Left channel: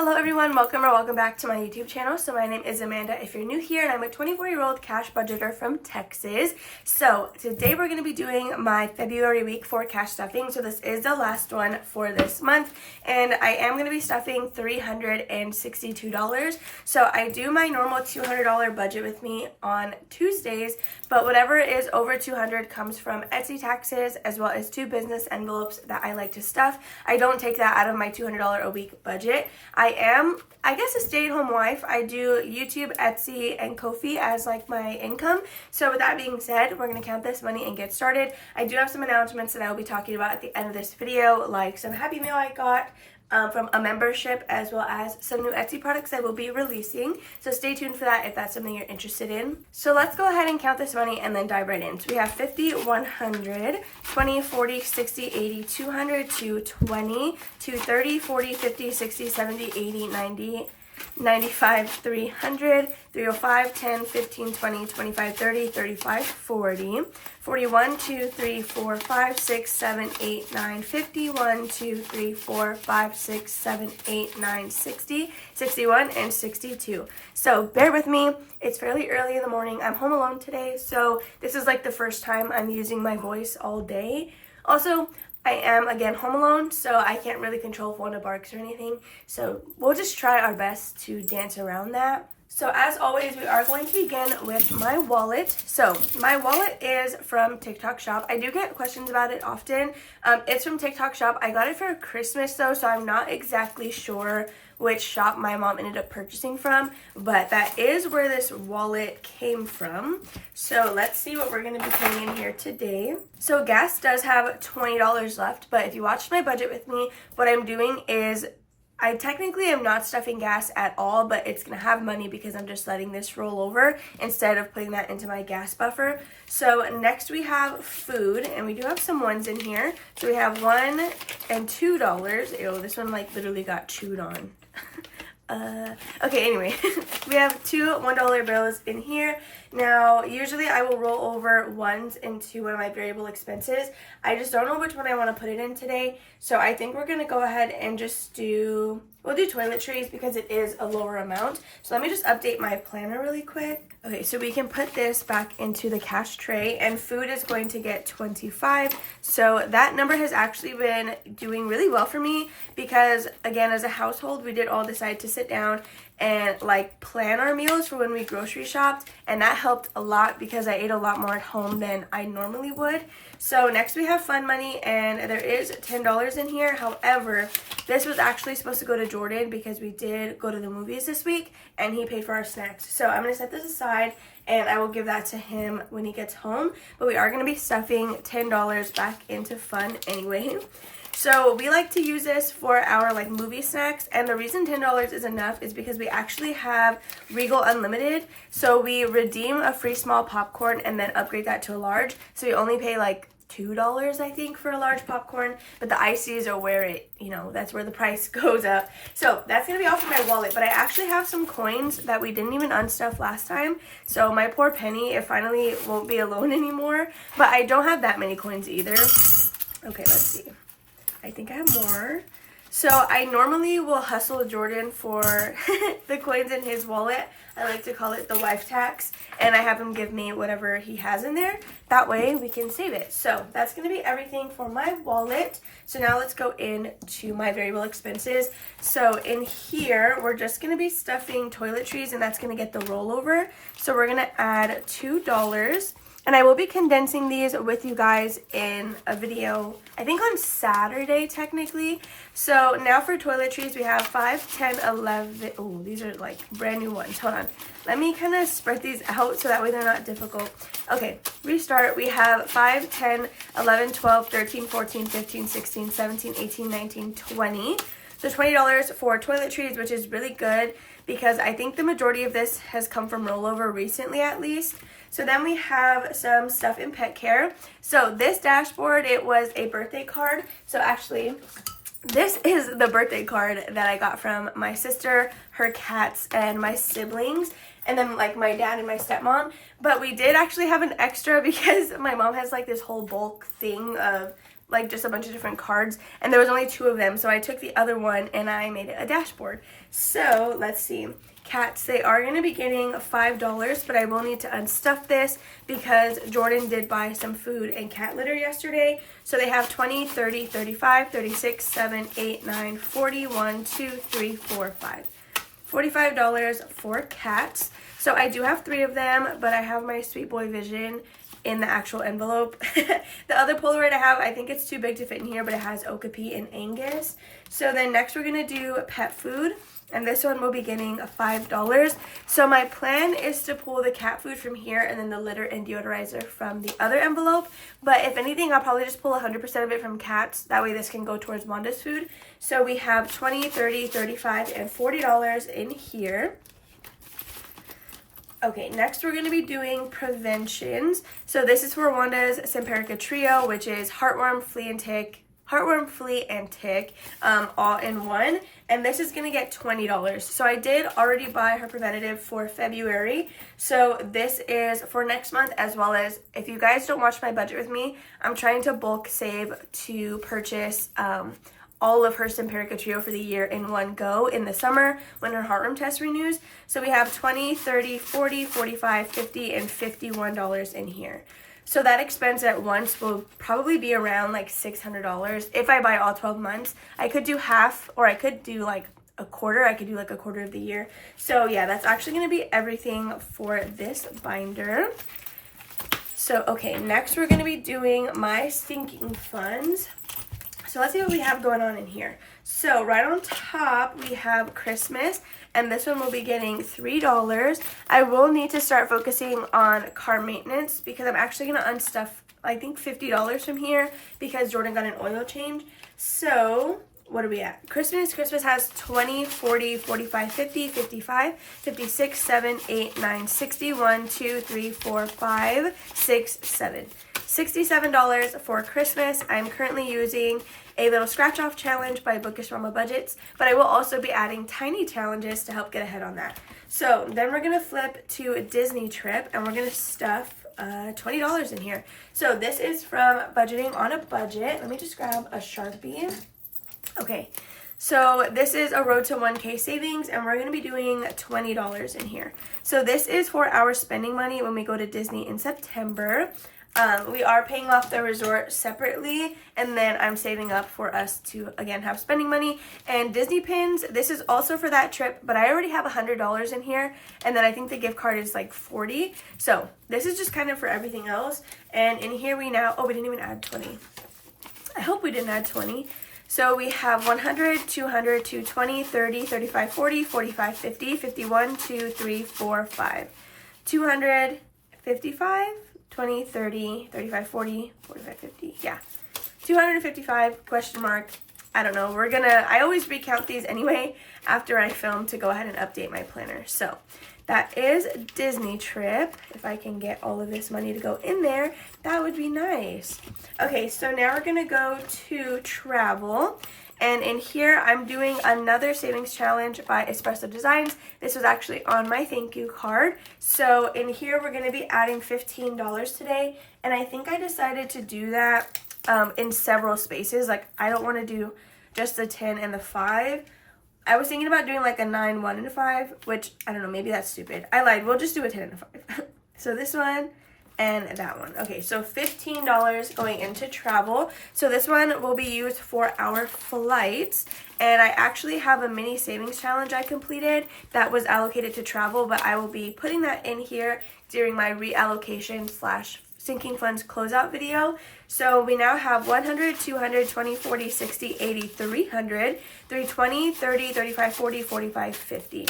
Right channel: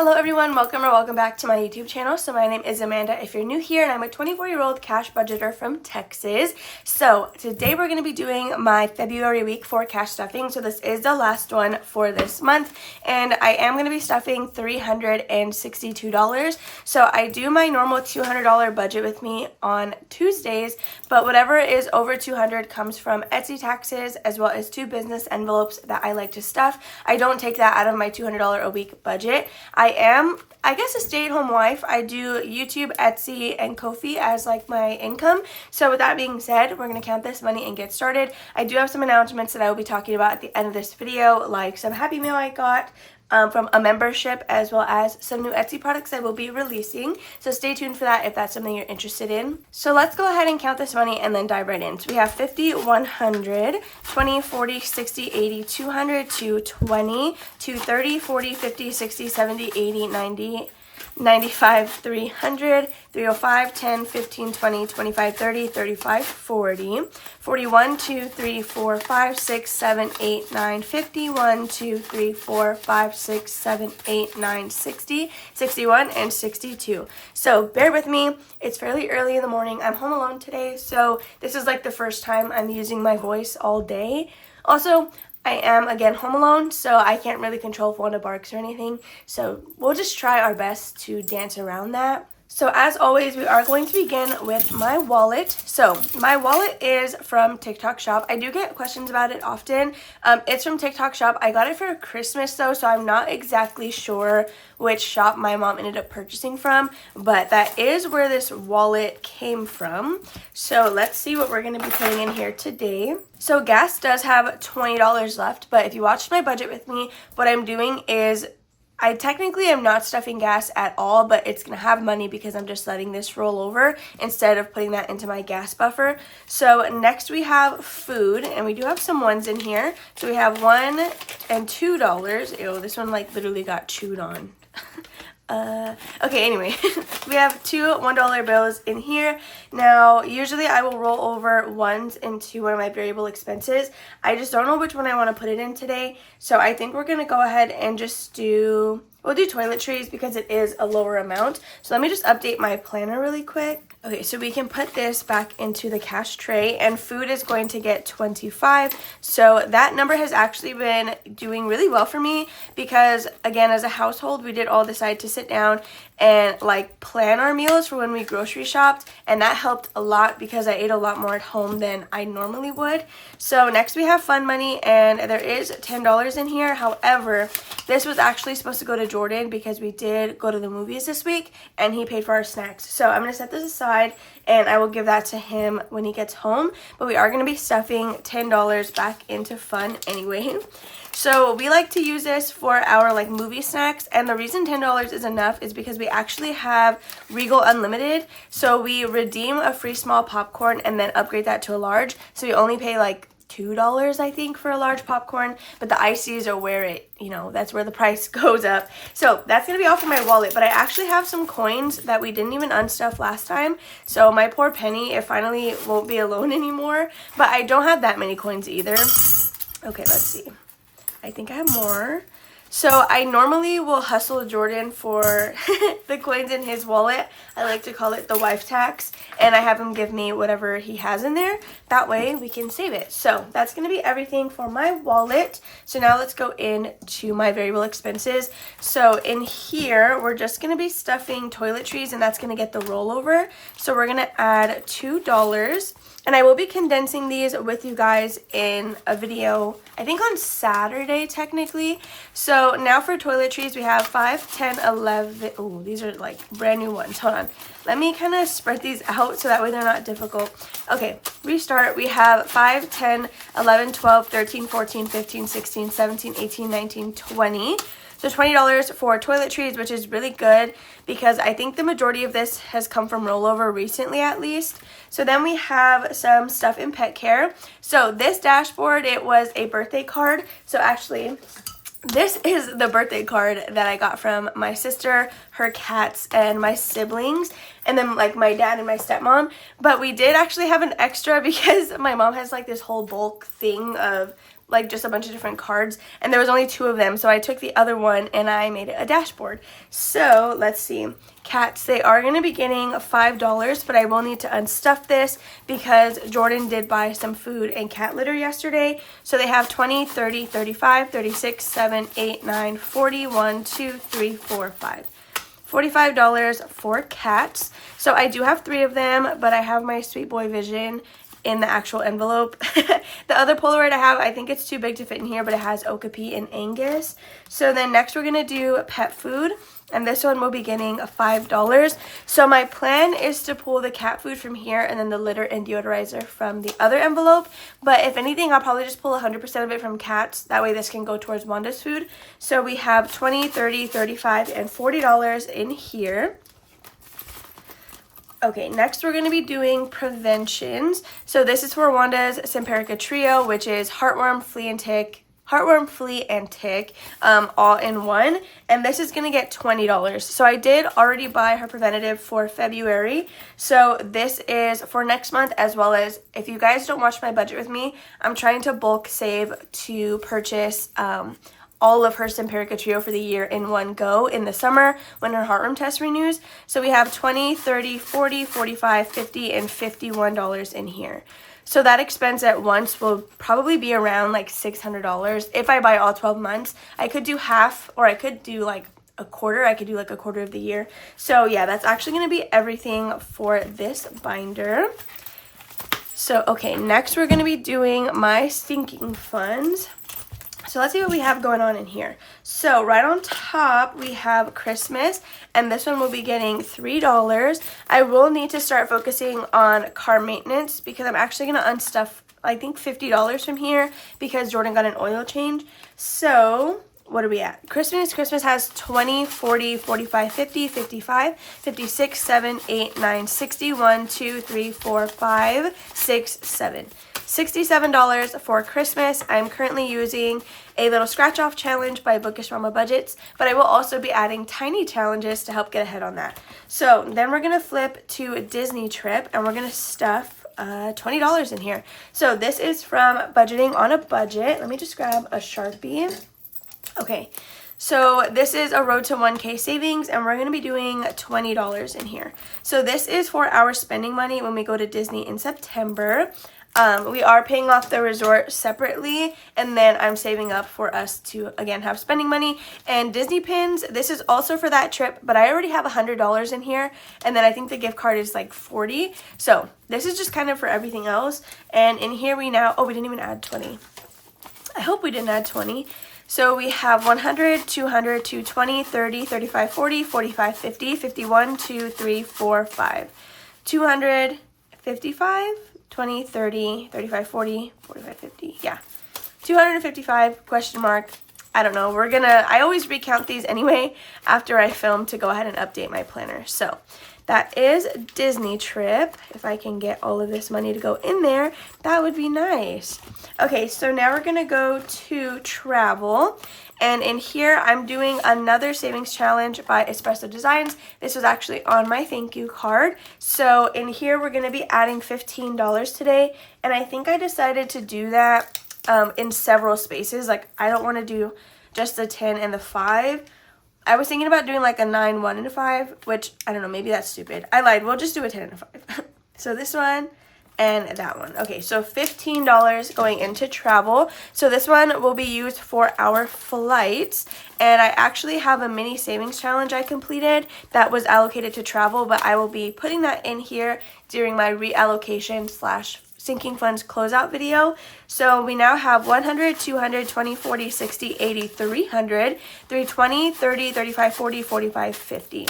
Hello everyone, welcome back to my YouTube channel. So my name is Amanda if you're new here, and I'm a 24-year-old cash budgeter from Texas. So today we're going to be doing my February week for cash stuffing. So this is the last one for this month, and I am going to be stuffing $362. So I do my normal $200 budget with me on Tuesdays, but whatever is over $200 comes from Etsy taxes as well as 2 business envelopes that I like to stuff. I don't take that out of my $200 a week budget. I am, I guess, a stay-at-home wife. I do YouTube, Etsy, and Ko-fi as like my income. So with that being said, we're going to count this money and get started. I do have some announcements that I will be talking about at the end of this video, like some Happy Mail I got from a membership, as well as some new Etsy products I will be releasing. So stay tuned for that if that's something you're interested in. So let's go ahead and count this money and then dive right in. So we have 50, 100, 20, 40, 60, 80, 200, 220, 230, 40, 50, 60, 70, 80, 90, 95, 300, 305, 10, 15, 20, 25, 30, 35, 40, 41, 2, 3, 4, 5, 6, 7, 8, 9, 50, 1, 2, 3, 4, 5, 6, 7, 8, 9, 60, 61, and 62. So bear with me. It's fairly early in the morning. I'm home alone today, so this is like the first time I'm using my voice all day. Also, I am, again, home alone, so I can't really control if Wanda barks or anything. So we'll just try our best to dance around that. So as always, we are going to begin with my wallet. So my wallet is from TikTok Shop. I do get questions about it often. It's from TikTok Shop. I got it for Christmas though, so I'm not exactly sure which shop my mom ended up purchasing from, but that is where this wallet came from. So let's see what we're going to be putting in here today. So gas does have $20 left, but if you watched my budget with me, what I'm doing is I technically am not stuffing gas at all, but it's going to have money because I'm just letting this roll over instead of putting that into my gas buffer. So next we have food, and we do have some ones in here. So we have $1 and $2. Ew, this one like literally got chewed on. Okay, anyway, we have 2 $1 bills in here. Now, usually I will roll over ones into one of my variable expenses. I just don't know which one I want to put it in today. So I think we're going to go ahead and just we'll do toiletries because it is a lower amount. So let me just update my planner really quick. Okay, so we can put this back into the cash tray, and food is going to get 25. So that number has actually been doing really well for me because, again, as a household, we did all decide to sit down and like plan our meals for when we grocery shopped, and that helped a lot because I ate a lot more at home than I normally would. So next we have fun money, and there is $10 in here. However, this was actually supposed to go to Jordan because we did go to the movies this week and he paid for our snacks. So I'm going to set this aside and I will give that to him when he gets home, but we are going to be stuffing $10 back into fun anyway. So we like to use this for our like movie snacks, and the reason $10 is enough is because we actually have Regal Unlimited. So we redeem a free small popcorn and then upgrade that to a large. So we only pay like $2, I think, for a large popcorn, but the ices are where it, that's where the price goes up. So that's going to be all for my wallet, but I actually have some coins that we didn't even unstuff last time. So my poor penny, it finally won't be alone anymore, but I don't have that many coins either. Okay, let's see. I think I have more. So I normally will hustle Jordan for the coins in his wallet. I like to call it the wife tax, and I have him give me whatever he has in there. That way we can save it. So that's going to be everything for my wallet. So now let's go into my variable expenses. So in here, we're just going to be stuffing toiletries, and that's going to get the rollover. So we're going to add $2. And I will be condensing these with you guys in a video, I think on Saturday technically. So now for toiletries, we have 5, 10, 11. Oh, these are like brand new ones. Hold on. Let me kind of spread these out so that way they're not difficult. Okay, restart. We have 5, 10, 11, 12, 13, 14, 15, 16, 17, 18, 19, 20. So $20 for toiletries, which is really good because I think the majority of this has come from rollover recently at least. So then we have some stuff in pet care. So this dashboard, it was a birthday card. So actually, this is the birthday card that I got from my sister, her cats, and my siblings, and then like my dad and my stepmom. But we did actually have an extra because my mom has like this whole bulk thing of like just a bunch of different cards, and there was only 2 of them, so I took the other one and I made it a dashboard. So let's see, cats, they are going to be getting $5, but I will need to unstuff this because Jordan did buy some food and cat litter yesterday. So they have 20, 30, 35, 36, 7, 8, 9, 40, 1, 2, 3, 4, 5. $45 for cats. So I do have 3 of them, but I have my Sweet Boy Vision in the actual envelope. The other Polaroid I have, I think it's too big to fit in here, but it has Okapi and Angus. So then next we're going to do pet food, and this one will be getting $5. So my plan is to pull the cat food from here and then the litter and deodorizer from the other envelope. But if anything, I'll probably just pull 100% of it from cats. That way this can go towards Wanda's food. So we have $20, $30, $35, and $40 in here. Okay, next we're going to be doing preventions. So this is for Wanda's Simparica Trio, which is heartworm, flea, and tick, all in one. And this is going to get $20. So I did already buy her preventative for February. So this is for next month, as well as, if you guys don't watch my budget with me, I'm trying to bulk save to purchase all of her Simparica Trio for the year in one go in the summer when her heartworm test renews. So we have $20, $30, $40, $45, $50, and $51 in here. So that expense at once will probably be around like $600 if I buy all 12 months. I could do half, or I could do like a quarter. I could do like a quarter of the year. So yeah, that's actually going to be everything for this binder. So okay, next we're going to be doing my sinking funds. So let's see what we have going on in here. So right on top, we have Christmas, and this one will be getting $3. I will need to start focusing on car maintenance because I'm actually going to unstuff, I think, $50 from here because Jordan got an oil change. So what are we at? Christmas has 20, 40, 45, 50, 55, 56, 7, 8, 9, 60, 1, 2, 3, 4, 5, 6, 7. $67 for Christmas. I'm currently using a little scratch off challenge by Bookish Mama Budgets, but I will also be adding tiny challenges to help get ahead on that. So then we're going to flip to a Disney trip, and we're going to stuff $20 in here. So this is from Budgeting on a Budget. Let me just grab a Sharpie. Okay, so this is a Road to 1K savings, and we're going to be doing $20 in here. So this is for our spending money when we go to Disney in September. We are paying off the resort separately, and then I'm saving up for us to, again, have spending money. And Disney pins, this is also for that trip, but I already have $100 in here, and then I think the gift card is like $40. So this is just kind of for everything else. And in here we now, oh, we didn't even add 20. I hope we didn't add 20. So we have 100, 200, 220, 30, 35, 40, 45, 50, 51, 2, 3, 4, 5. 200, 55, 20, 30, 35, 40, 45, 50. Yeah. 255, question mark. I don't know. I always recount these anyway after I film to go ahead and update my planner. So that is Disney trip. If I can get all of this money to go in there, that would be nice. Okay, so now we're going to go to travel. And in here, I'm doing another savings challenge by Espresso Designs. This was actually on my thank you card. So in here, we're going to be adding $15 today. And I think I decided to do that in several spaces. Like, I don't want to do just the 10 and the 5. I was thinking about doing like a 9, 1, and a 5, which, I don't know, maybe that's stupid. I lied. We'll just do a 10 and a 5. So this one and that one. Okay, so $15 going into travel. So this one will be used for our flights. And I actually have a mini savings challenge I completed that was allocated to travel, but I will be putting that in here during my reallocation / sinking funds closeout video. So we now have 100, 200, 20, 40, 60, 80, 300, 320, 30, 35, 40, 45, 50.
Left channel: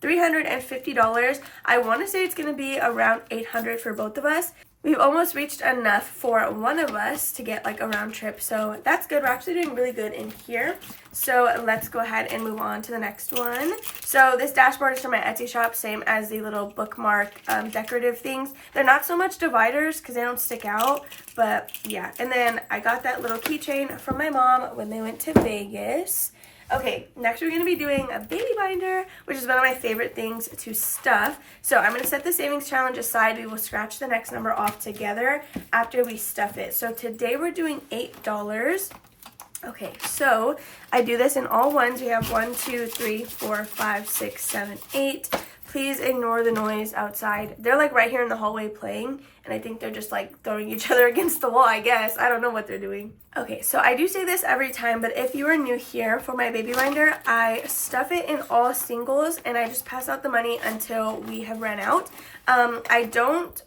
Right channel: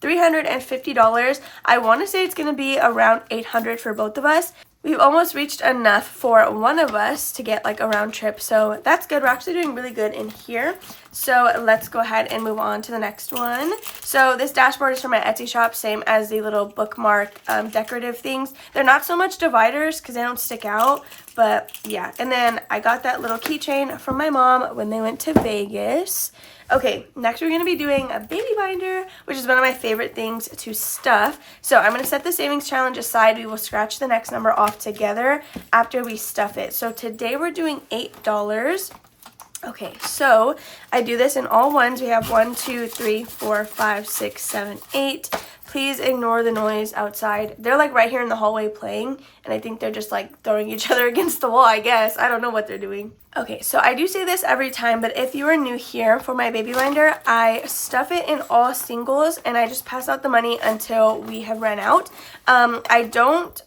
$350. I want to say it's going to be around $800 for both of us. We've almost reached enough for one of us to get like a round trip, so that's good. We're actually doing really good in here. So let's go ahead and move on to the next one. So this dashboard is from my Etsy shop, same as the little bookmark decorative things. They're not so much dividers because they don't stick out, but yeah. And then I got that little keychain from my mom when they went to Vegas. Okay, next we're going to be doing a baby binder, which is one of my favorite things to stuff. So I'm going to set the savings challenge aside. We will scratch the next number off together after we stuff it. So today we're doing $8. Okay, so I do this in all ones. We have 1, 2, 3, 4, 5, 6, 7, 8. Please ignore the noise outside. They're like right here in the hallway playing, and I think they're just like throwing each other against the wall, I guess. I don't know what they're doing. Okay, so I do say this every time, but if you are new here, for my baby binder, I stuff it in all singles, and I just pass out the money until we have run out. I don't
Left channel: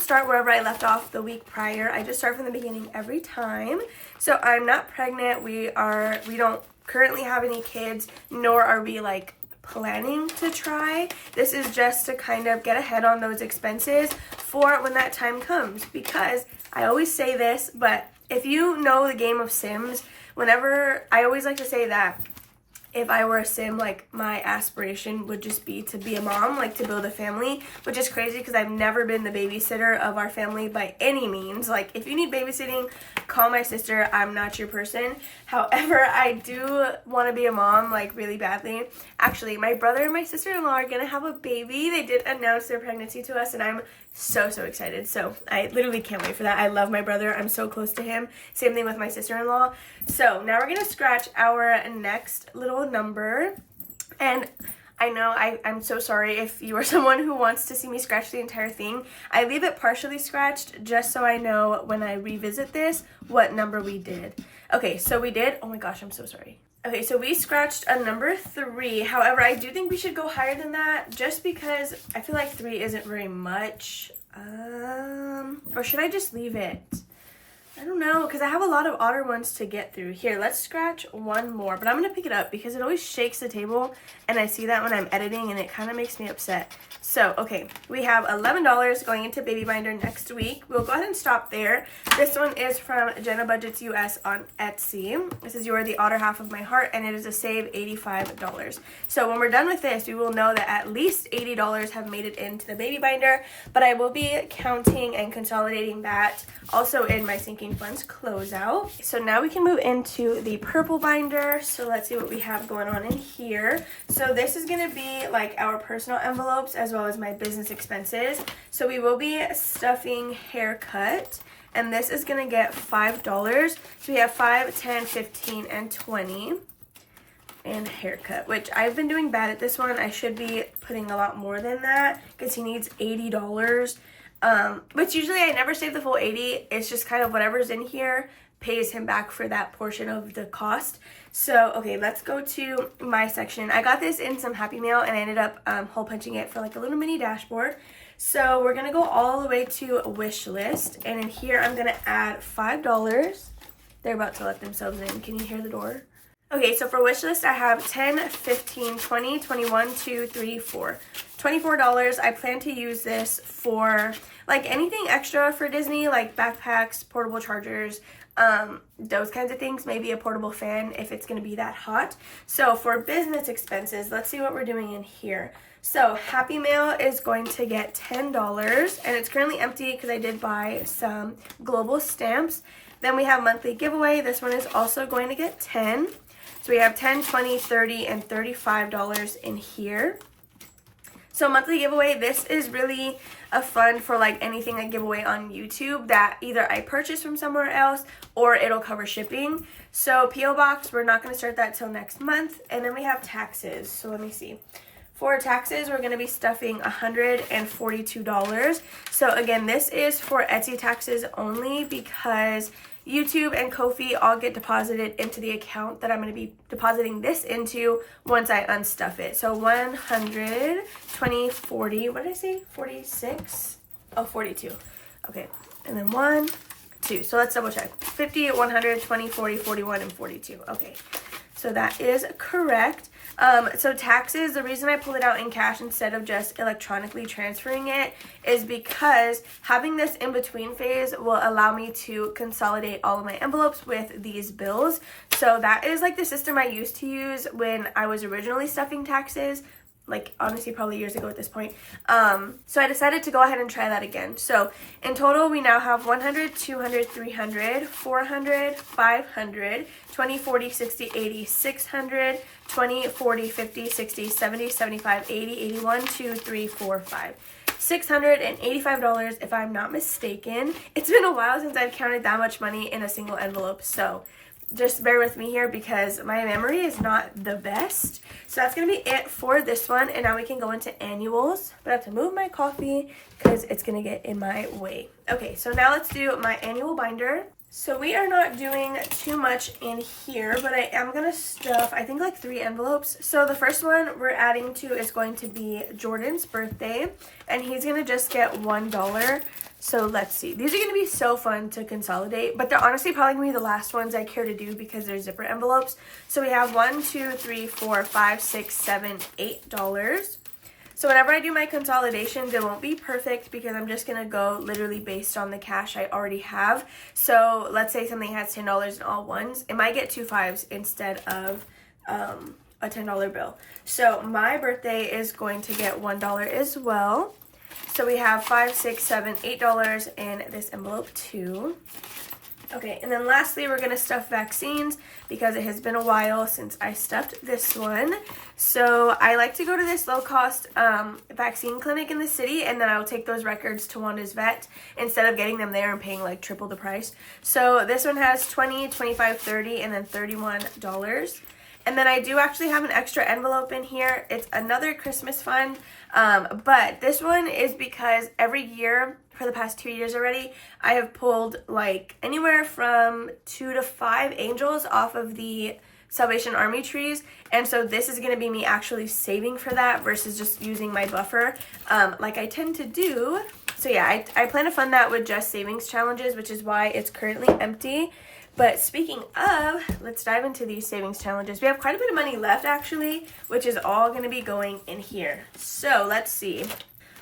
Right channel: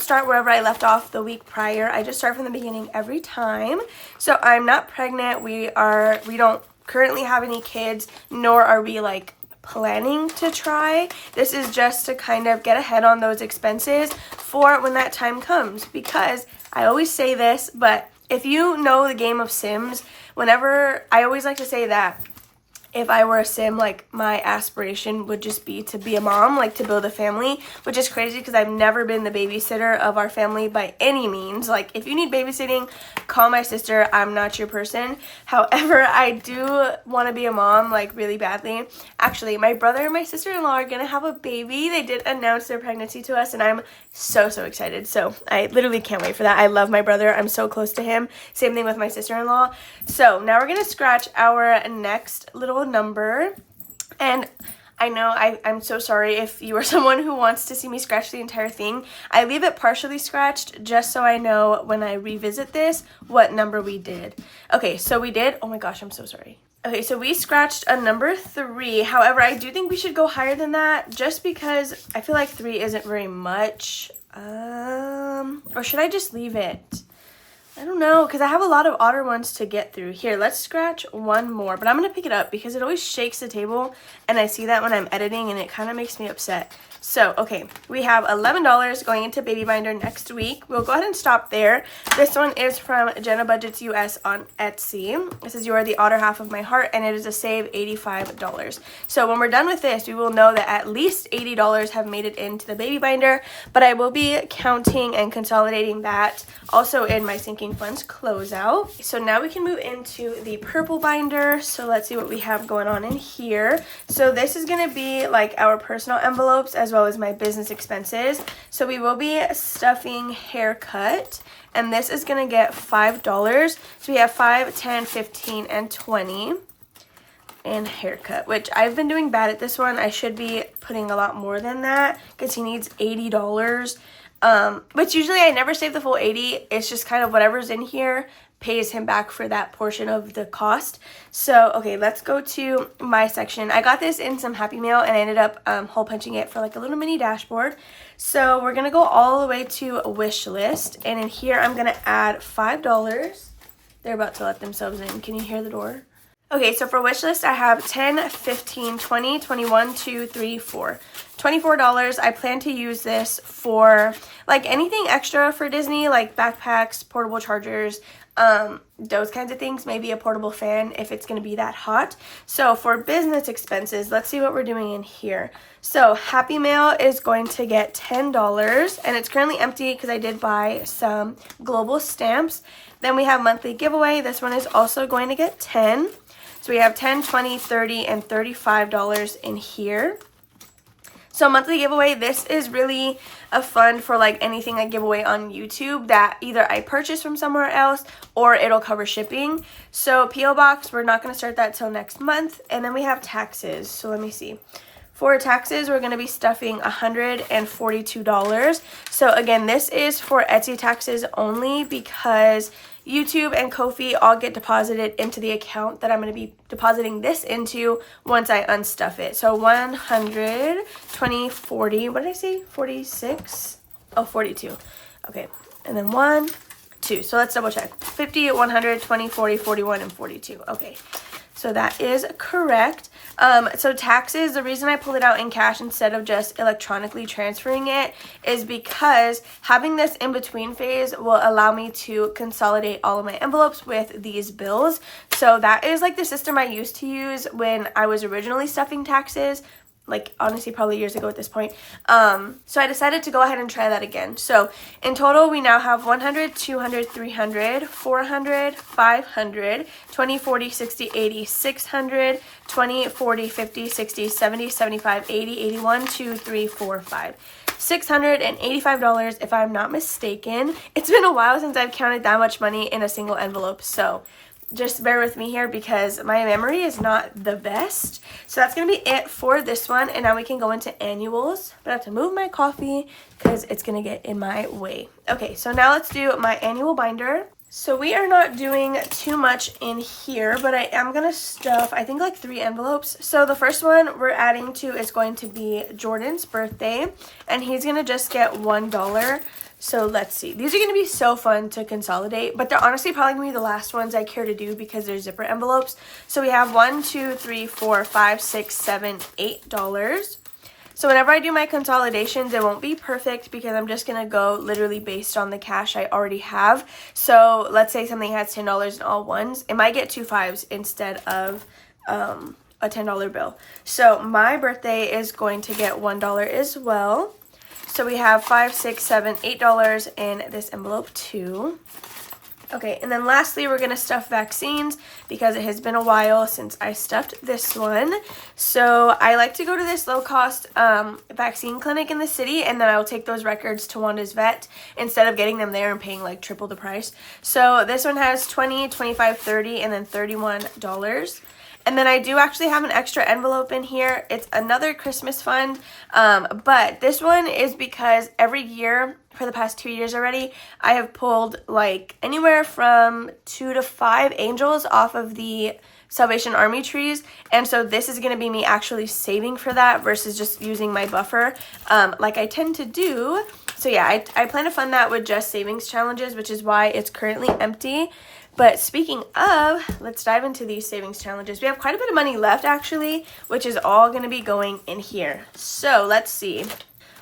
start wherever I left off the week prior. I just start from the beginning every time. So I'm not pregnant. We don't currently have any kids, nor are we like planning to try. This is just to kind of get ahead on those expenses for when that time comes, because I always say this, but if you know the game of Sims, whenever I always like to say that if I were a sim, like, my aspiration would just be to be a mom, like, to build a family, which is crazy because I've never been the babysitter of our family by any means. Like, if you need babysitting, call my sister. I'm not your person. However, I do want to be a mom, like, really badly. Actually, my brother and my sister-in-law are going to have a baby. They did announce their pregnancy to us, and I'm so excited. So I literally can't wait for that. I love my brother. I'm so close to him. Same thing with my sister-in-law. So now we're going to scratch our next little number. And I know I'm so sorry if you are someone who wants to see me scratch the entire thing. I leave it partially scratched just so I know when I revisit this what number we did. Okay, so we did, oh my gosh, I'm so sorry. Okay, so we scratched a number 3. However, I do think we should go higher than that just because I feel like 3 isn't very much. Or should I just leave it? I don't know, because I have a lot of odder ones to get through. Here, let's scratch one more, but I'm going to pick it up because it always shakes the table, and I see that when I'm editing, and it kind of makes me upset. So, okay, we have $11 going into Baby Binder next week. We'll go ahead and stop there. This one is from Jenna Budgets US on Etsy. This is You Are the Otter Half of My Heart, and it is a save $85. So when we're done with this, we will know that at least $80 have made it into the Baby Binder, but I will be counting and consolidating that also in my sinking funds closeout. So now we can move into the purple binder. So let's see what we have going on in here. So this is going to be like our personal envelopes as well as my business expenses. So we will be stuffing haircut, and this is going to get $5. So we have 5, 10, 15, and 20. And haircut, which I've been doing bad at this one. I should be putting a lot more than that because he needs $80. Which usually I never save the full 80. It's just kind of whatever's in here pays him back for that portion of the cost. So, okay, let's go to my section. I got this in some Happy Mail, and I ended up hole punching it for like a little mini dashboard. So we're going to go all the way to a wish list, and in here I'm going to add $5. They're about to let themselves in. Can you hear the door? Okay, so for wish list, I have 10, 15, 20, 21, 2, 3, 4. $24. I plan to use this for like anything extra for Disney, like backpacks, portable chargers, those kinds of things. Maybe a portable fan if it's going to be that hot. So for business expenses, let's see what we're doing in here. So Happy Mail is going to get $10, and it's currently empty because I did buy some global stamps. Then we have monthly giveaway. This one is also going to get 10. So we have 10, 20, 30, and $35 in here. So monthly giveaway, this is really a fund for like anything I give away on YouTube that either I purchase from somewhere else or it'll cover shipping. So P.O. Box, we're not going to start that till next month. And then we have taxes. So let me see. For taxes, we're going to be stuffing $142. So again, this is for Etsy taxes only because YouTube and Ko-fi all get deposited into the account that I'm going to be depositing this into once I unstuff it. So 100, 20, 40, what did I say? 46? Oh, 42. Okay. And then 1, 2. So let's double check. 50, 100, 20, 40, 41, and 42. Okay. So that is correct. So taxes, the reason I pulled it out in cash instead of just electronically transferring it is because having this in-between phase will allow me to consolidate all of my envelopes with these bills. So that is like the system I used to use when I was originally stuffing taxes. like honestly probably years ago at this point. So I decided to go ahead and try that again. So in total we now have 100, 200, 300, 400, 500, 20, 40, 60, 80, 600, 20, 40, 50, 60, 70, 75, 80, 81, 2, 3, 4, 5. $685 if I'm not mistaken. It's been a while since I've counted that much money in a single envelope, so just bear with me here because my memory is not the best. So that's going to be it for this one, and now we can go into annuals. But I have to move my coffee because it's going to get in my way. Okay, so now let's do my annual binder. So we are not doing too much in here, but I am going to stuff, I think, like 3 envelopes. So the first one we're adding to is going to be Jordan's birthday, and he's going to just get $1. So let's see. These are going to be so fun to consolidate, but they're honestly probably going to be the last ones I care to do because they're zipper envelopes. So we have $1, $2, $3, $4, $5, $6, $7, $8. So whenever I do my consolidations, it won't be perfect because I'm just going to go literally based on the cash I already have. So let's say something has $10 in all ones. It might get 2 5s instead of a $10 bill. So my birthday is going to get $1 as well. So we have $5, $6, $7, $8 in this envelope too. Okay, and then lastly, we're going to stuff vaccines because it has been a while since I stuffed this one. So I like to go to this low-cost vaccine clinic in the city, and then I will take those records to Wanda's vet instead of getting them there and paying like triple the price. So this one has $20, $25, $30, and then $31. And then I do actually have an extra envelope in here. It's another Christmas fund, but this one is because every year for the past 2 years already, I have pulled like anywhere from 2 to 5 angels off of the Salvation Army trees. And so this is going to be me actually saving for that versus just using my buffer like I tend to do. So yeah, I plan to fund that with just savings challenges, which is why it's currently empty. But speaking of, let's dive into these savings challenges. We have quite a bit of money left actually, which is all going to be going in here. So let's see.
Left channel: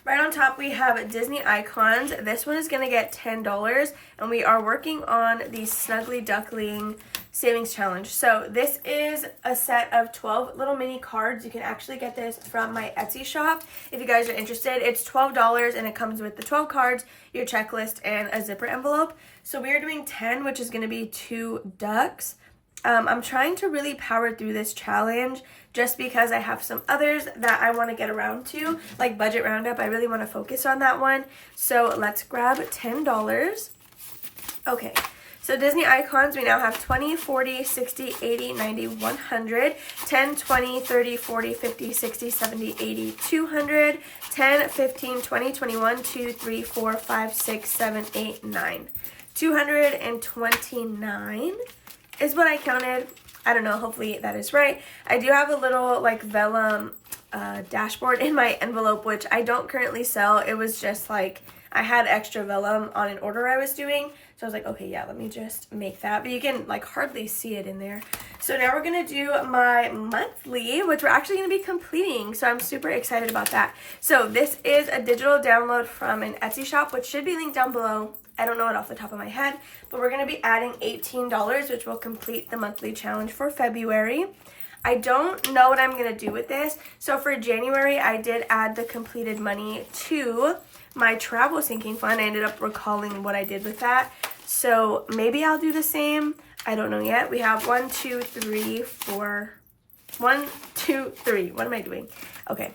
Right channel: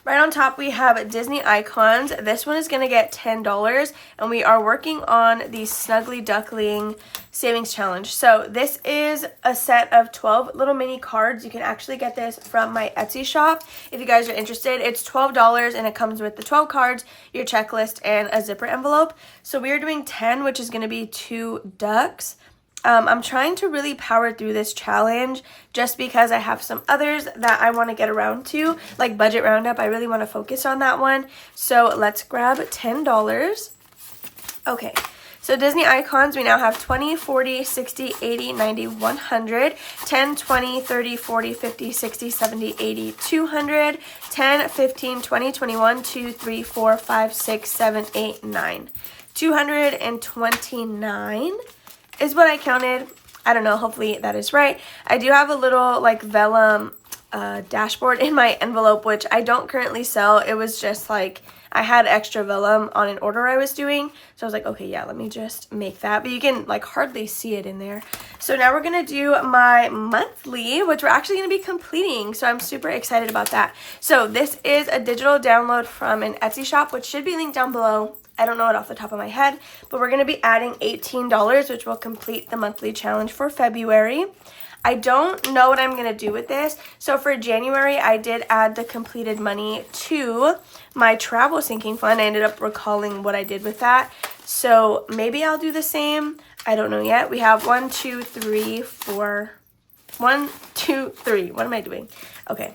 Right on top we have Disney icons. This one is going to get $10, and we are working on the Snuggly Duckling savings challenge. So this is a set of 12 little mini cards. You can actually get this from my Etsy shop if you guys are interested. It's $12 and it comes with the 12 cards, your checklist, and a zipper envelope. So we are doing 10, which is going to be 2 ducks. I'm trying to really power through this challenge just because I have some others that I want to get around to, like Budget Roundup. I really want to focus on that one. So let's grab $10. Okay, so Disney icons, we now have 20, 40, 60, 80, 90, 100, 10, 20, 30, 40, 50, 60, 70, 80, 200, 10, 15, 20, 21, 2, 3, 4, 5, 6, 7, 8, 9. 229 is what I counted. I don't know, hopefully that is right. I do have a little like vellum dashboard in my envelope, which I don't currently sell. It was just like I had extra vellum on an order I was doing, so I was like, okay, yeah, let me just make that. But you can like hardly see it in there. So now we're gonna do my monthly, which we're actually gonna be completing, so I'm super excited about that. So this is a digital download from an Etsy shop, which should be linked down below. I don't know it off the top of my head, but we're going to be adding $18, which will complete the monthly challenge for February. I don't know what I'm going to do with this. So for January, I did add the completed money to my travel sinking fund. I ended up recalling what I did with that. So maybe I'll do the same. I don't know yet. We have 1, 2, 3, 4. 1, 2, 3. What am I doing? Okay.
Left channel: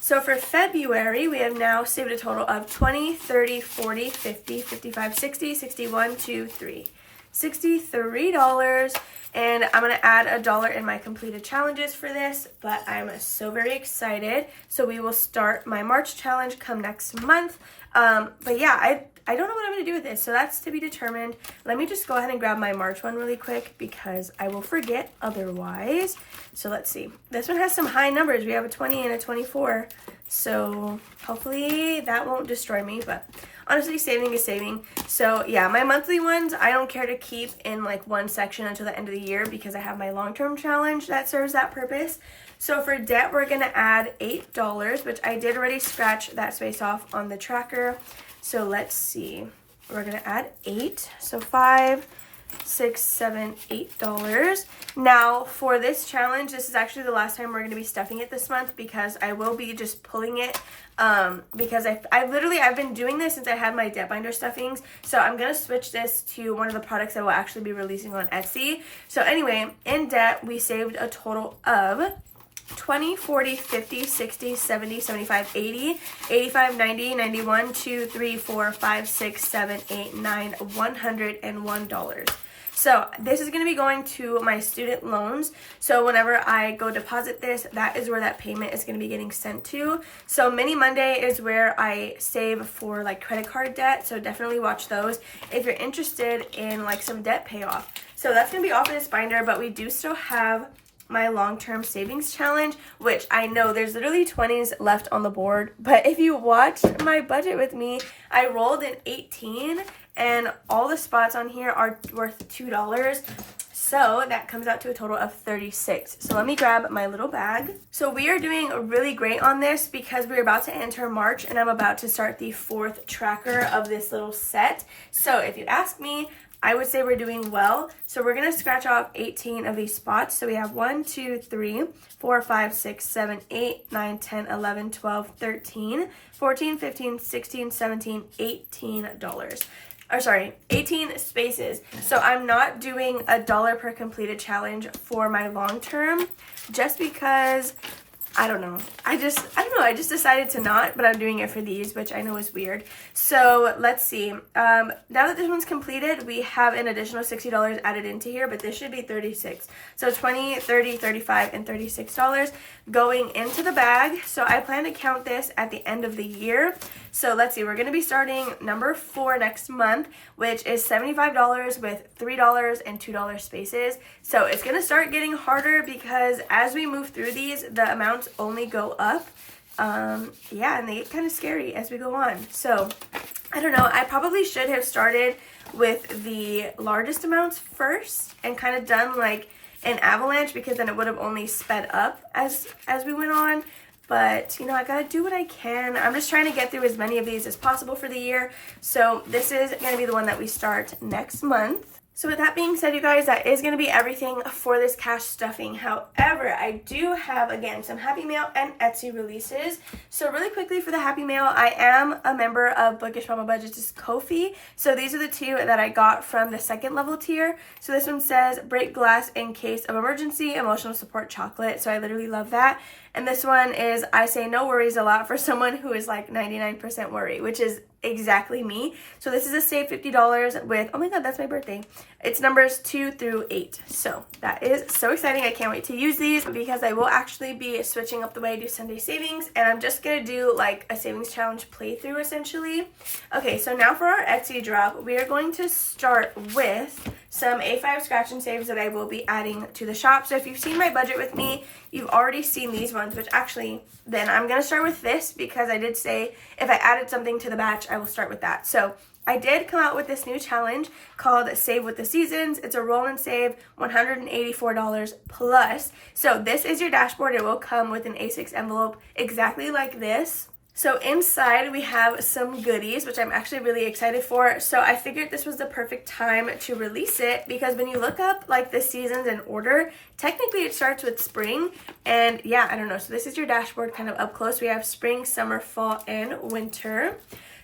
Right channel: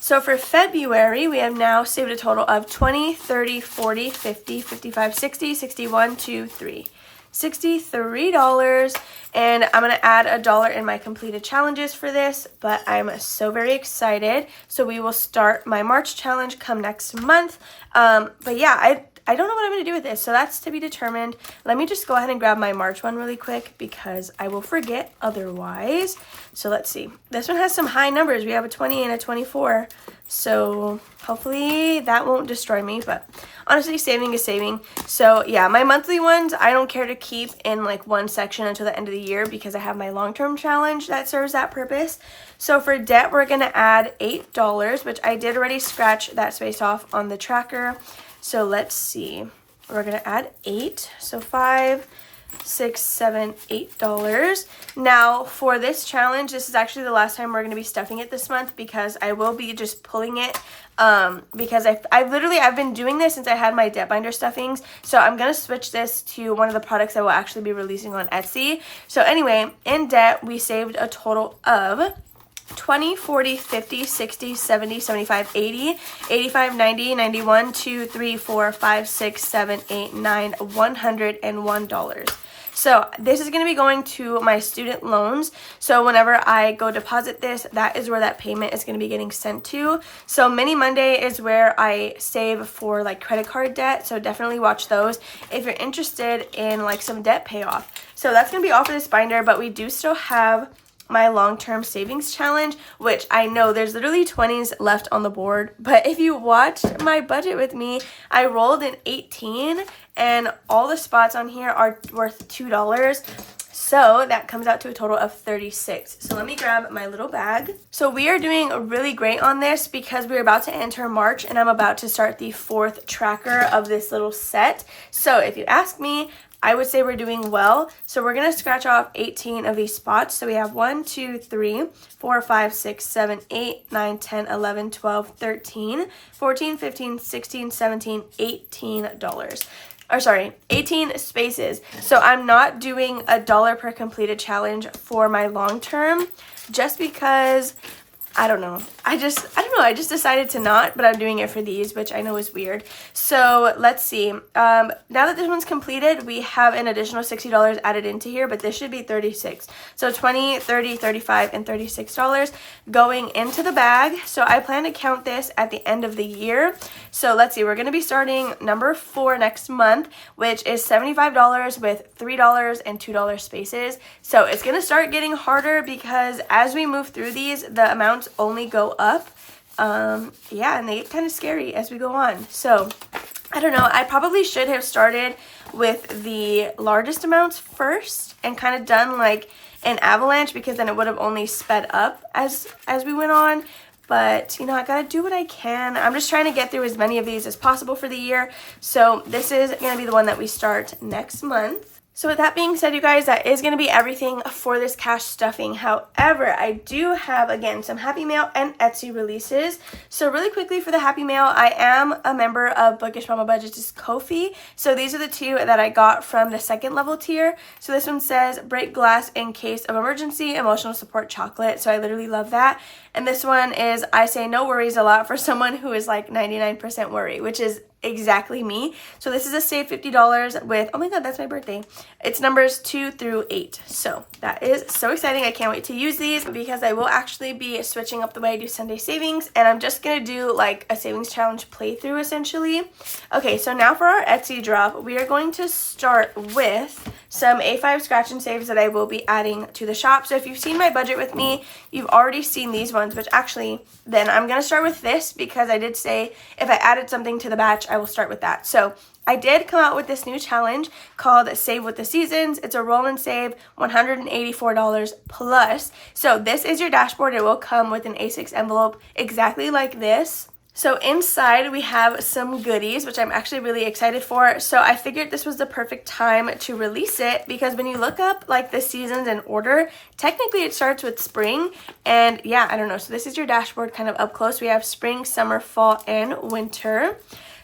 So for February, we have now saved a total of 20, 30, 40, 50, 55, 60, 61, 2, 3. $63, and I'm going to add $1 in my completed challenges for this, but I'm so very excited. So we will start my March challenge come next month. But yeah, I don't know what I'm going to do with this, so that's to be determined. Let me just go ahead and grab my March one really quick because I will forget otherwise. So let's see. This one has some high numbers. We have a 20 and a 24, so hopefully that won't destroy me, but honestly, saving is saving. So yeah, my monthly ones, I don't care to keep in like one section until the end of the year because I have my long-term challenge that serves that purpose. So for debt, we're going to add $8, which I did already scratch that space off on the tracker. So let's see, we're going to add 8. So 5, $6, $7, $8. Now for this challenge, this is actually the last time we're going to be stuffing it this month, because I will be just pulling it because I've been doing this since I had my debt binder stuffings. So I'm going to switch this to one of the products I will actually be releasing on Etsy. So anyway, in debt, we saved a total of 20, 40, 50, 60, 70, 75, 80, 85, 90, 91, 2, 3, 4, 5, 6, 7, 8, 9, $101. So this is going to be going to my student loans. So whenever I go deposit this, that is where that payment is going to be getting sent to. So Mini Monday is where I save for like credit card debt. So definitely watch those if you're interested in like some debt payoff. So that's going to be off of this binder, but we do still have my long-term savings challenge, which I know there's literally 20s left on the board, but if you watched my budget with me, I rolled in 18 and all the spots on here are worth $2. So that comes out to a total of 36. So let me grab my little bag. So we are doing really great on this because we're about to enter March and I'm about to start the 4th tracker of this little set. So if you ask me, I would say we're doing well. So we're going to scratch off 18 of these spots. So we have 1, 2, 3, 4, 5, 6, 7, 8, 9, 10, 11, 12, 13, 14, 15, 16, 17, $18. Or sorry, 18 spaces. So I'm not doing $1 per completed challenge for my long term just because I don't know. I just decided to not, but I'm doing it for these, which I know is weird. So let's see. Now that this one's completed, we have an additional $60 added into here, but this should be 36. So 20, 30, 35, and $36 going into the bag. So I plan to count this at the end of the year. So let's see. We're going to be starting number 4 next month, which is $75 with $3 and $2 spaces. So it's going to start getting harder because as we move through these, the amounts only go up. Yeah, and they get kind of scary as we go on. So I don't know, I probably should have started with the largest amounts first and kind of done like an avalanche, because then it would have only sped up as we went on. But, you know, I gotta do what I can. I'm just trying to get through as many of these as possible for the year. So this is gonna be the one that we start next month. So with that being said, you guys, that is going to be everything for this cash stuffing. However, I do have, again, some Happy Mail and Etsy releases. So really quickly for the Happy Mail, I am a member of Bookish Mama Budget's Ko-fi. So these are the 2 that I got from the 2nd level tier. So this one says, break glass in case of emergency, emotional support chocolate. So I literally love that. And this one is, I say no worries a lot for someone who is like 99% worry, which is exactly me. So this is a save $50 with, oh my god, that's my birthday. It's numbers 2 through 8. So that is so exciting. I can't wait to use these because I will actually be switching up the way I do Sunday savings, and I'm just gonna do like a savings challenge playthrough essentially. Okay, so now for our Etsy drop, we are going to start with some A5 scratch and saves that I will be adding to the shop. So if you've seen my budget with me, you've already seen these ones, which actually then I'm going to start with this because I did say if I added something to the batch, I will start with that. So I did come out with this new challenge called Save with the Seasons. It's a roll and save, $184 plus. So this is your dashboard. It will come with an A6 envelope exactly like this. So inside we have some goodies, which I'm actually really excited for. So I figured this was the perfect time to release it because when you look up like the seasons in order, technically it starts with spring. And yeah, I don't know. So this is your dashboard kind of up close. We have spring, summer, fall, and winter.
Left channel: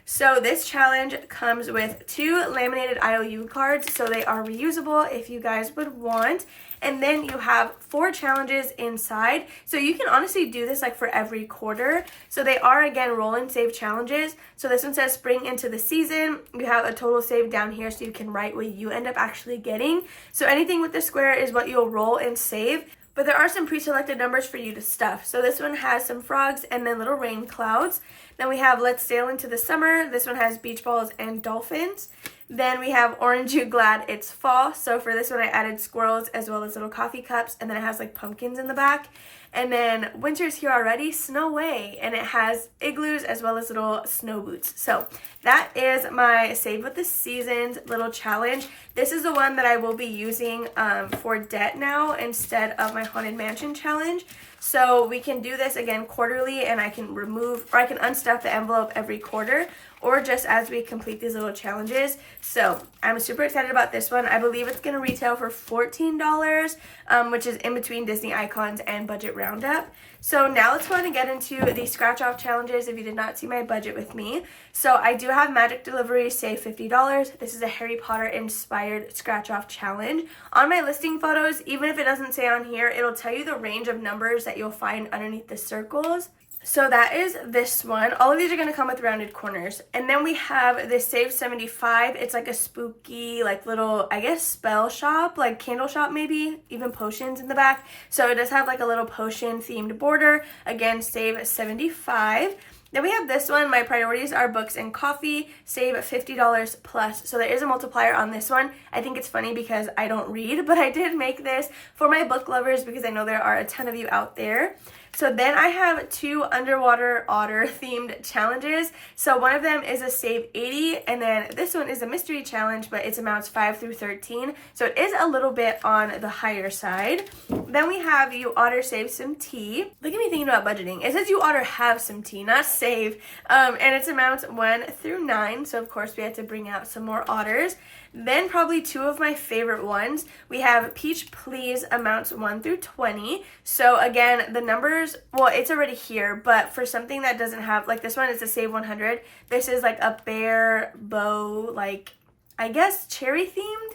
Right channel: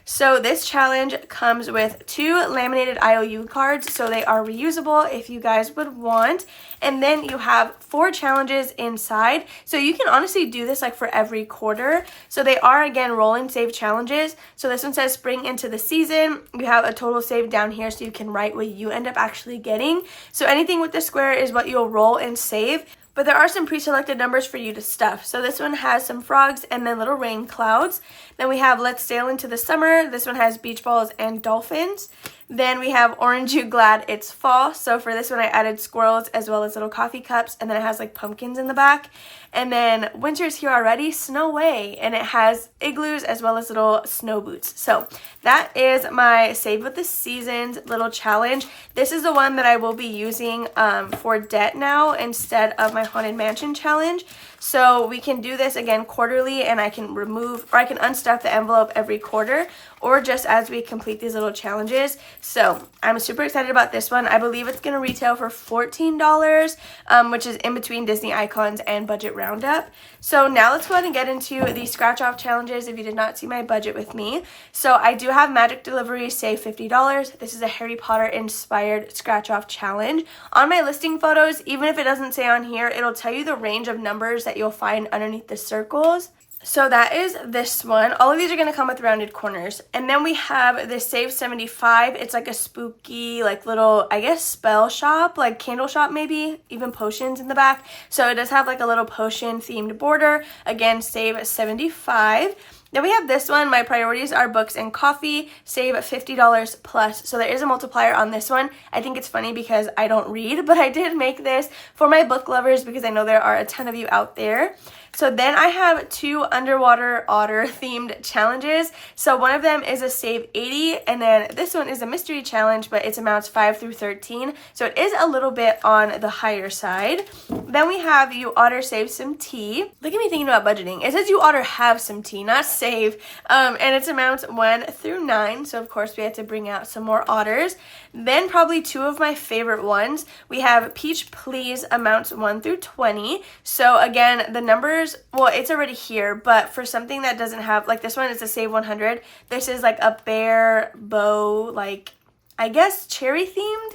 So this challenge comes with 2 laminated IOU cards, so they are reusable if you guys would want. And then you have 4 challenges inside, so you can honestly do this like for every quarter. So they are, again, roll and save challenges. So this one says spring into the season. You have a total save down here so you can write what you end up actually getting. So anything with the square is what you'll roll and save. But there are some pre-selected numbers for you to stuff. So this one has some frogs and then little rain clouds. Then we have Let's Sail into the Summer. This one has beach balls and dolphins. Then we have Orange You Glad It's Fall. So for this one I added squirrels as well as little coffee cups. And then it has like pumpkins in the back. And then Winter's Here Already, Snow Way. And it has igloos as well as little snow boots. So that is my Save with the Seasons little challenge. This is the one that I will be using for debt now instead of my Haunted Mansion challenge. So we can do this again quarterly, and I can remove or I can unstuff the envelope every quarter, or just as we complete these little challenges. So I'm super excited about this one. I believe it's going to retail for $14, which is in between Disney Icons and Budget Roundup. So now let's go ahead and get into the scratch off challenges if you did not see my budget with me. So I do have Magic Delivery, save $50. This is a Harry Potter inspired scratch off challenge. On my listing photos, even if it doesn't say on here, it'll tell you the range of numbers that you'll find underneath the circles. So that is this one. All of these are going to come with rounded corners. And then we have this Save 75. It's like a spooky, like little, I guess, spell shop, like candle shop maybe, even potions in the back. So it does have like a little potion themed border. Again, Save 75. Then we have this one. My priorities are books and coffee. Save $50 plus. So there is a multiplier on this one. I think it's funny because I don't read, but I did make this for my book lovers because I know there are a ton of you out there. So then I have two underwater otter themed challenges. So one of them is a save 80, and then this one is a mystery challenge, but it's amounts 5 through 13. So it is a little bit on the higher side. Then we have you otter save some tea. Look at me thinking about budgeting. It says you otter have some tea, not save. And it's amounts 1 through 9. So of course we had to bring out some more otters. Then probably two of my favorite ones. We have Peach Please amounts 1 through 20. So again, the numbers, well, it's already here, but for something that doesn't have, like this one is a save 100. This is like a bear bow, like I guess cherry themed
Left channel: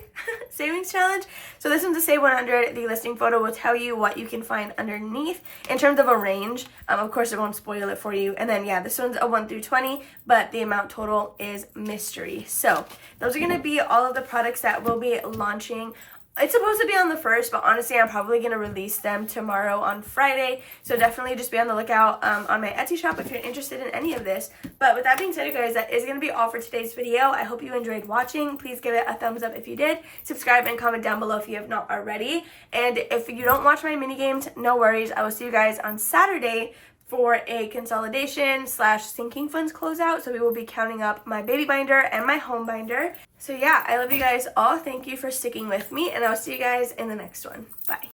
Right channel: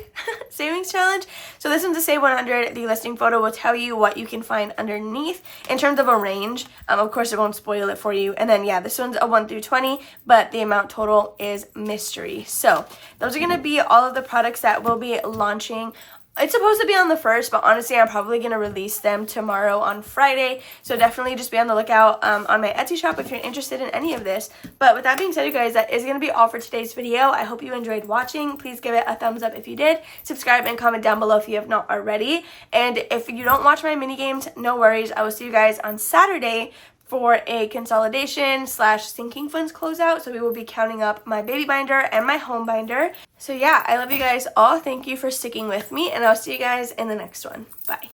savings challenge. So this one's a save 100. The listing photo will tell you what you can find underneath in terms of a range. Of course, it won't spoil it for you. And then yeah, this one's a 1 through 20, but the amount total is mystery. So those are going to be all of the products that we'll be launching. It's supposed to be on the 1st, but honestly, I'm probably going to release them tomorrow on Friday. So definitely just be on the lookout on my Etsy shop if you're interested in any of this. But with that being said, you guys, that is going to be all for today's video. I hope you enjoyed watching. Please give it a thumbs up if you did. Subscribe and comment down below if you have not already. And if you don't watch my mini games, no worries. I will see you guys on Saturday for a consolidation / sinking funds closeout. So we will be counting up my baby binder and my home binder. So yeah, I love you guys all. Thank you for sticking with me, and I'll see you guys in the next one. Bye.